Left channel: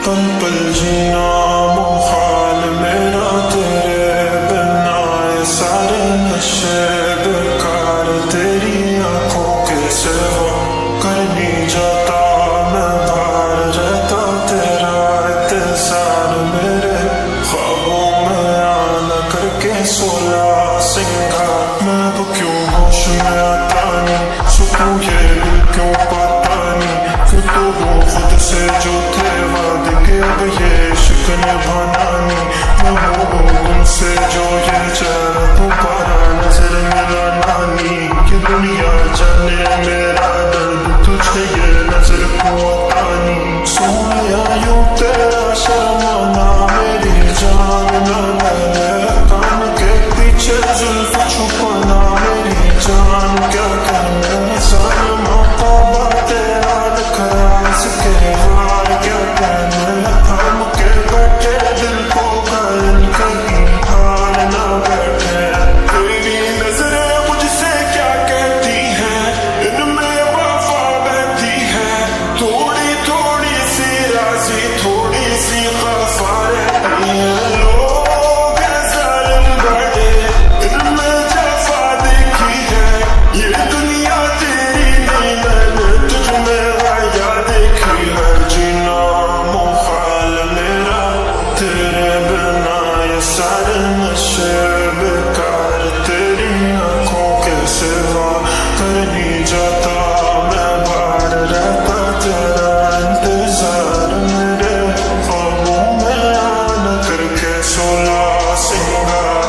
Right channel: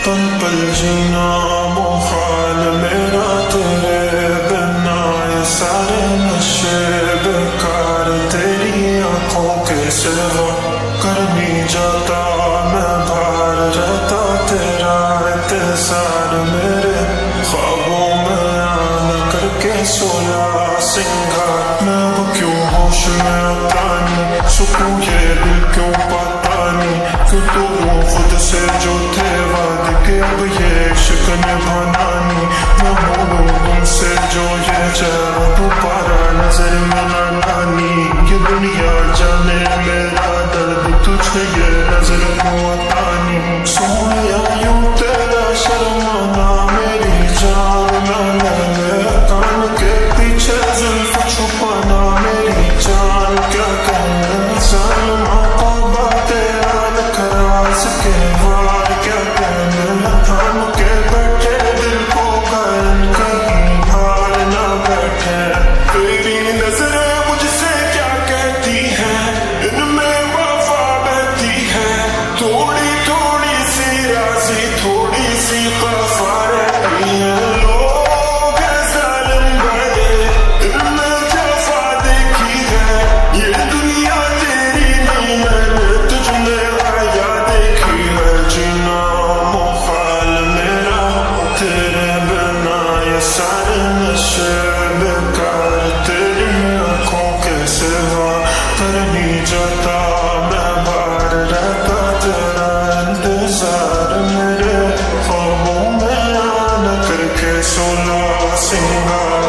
पल पल जीना मुहाल मेरा तेरे बिना, ये सारे नशे बेकार तेरी आंखों के सिवा। कर नहीं जाता मैं बाहर रहता तेरा इंतजार, मेरे ख्वाबों में आना करके 16 सिंगार। मैं अब क्यों होश में आता नहीं, सुकून ये दिल क्यों पाता नहीं, क्यों तो वो खुद से जो थे वादे के अब ये इश्क निभाना नहीं। मैं बोलूं तुमसे जो ये चेहरा दोबारा नजर मिलाना नहीं, ये दुनिया जाने मेरा दर्द तुझे ये नजर क्यों आता नहीं। सोया यूं तेरा शर्माना मेरी जान ना ले, कान के पीछे जुल्फ छुपाना मेरी जान क्या कहना। जालिमा तौबा तेरा नखरास के वार क्या कहना, थाम के बैठे दिल को घायल कहीं हार ना बैठे। तेरी नजरें मुझसे क्या कहती हैं, इनमें वफा बहती है, थोड़ी थोड़ी सी राज़ी थोड़ी सी खफा रहती है। लोग हैं जालिम बड़े, इनमें जफा देखी है, ये दुनिया तेरी नहीं मैंने तुझ में आया देखी है। जीना मुहाल मेरा तेरे बिना, ये सारे नशे बेकार तेरी आंखों के सिवा। कर नहीं जाता मैं बाहर रहता तेरा इंतजार, मेरे ख्वाबों में आना करके 16 सिंगार।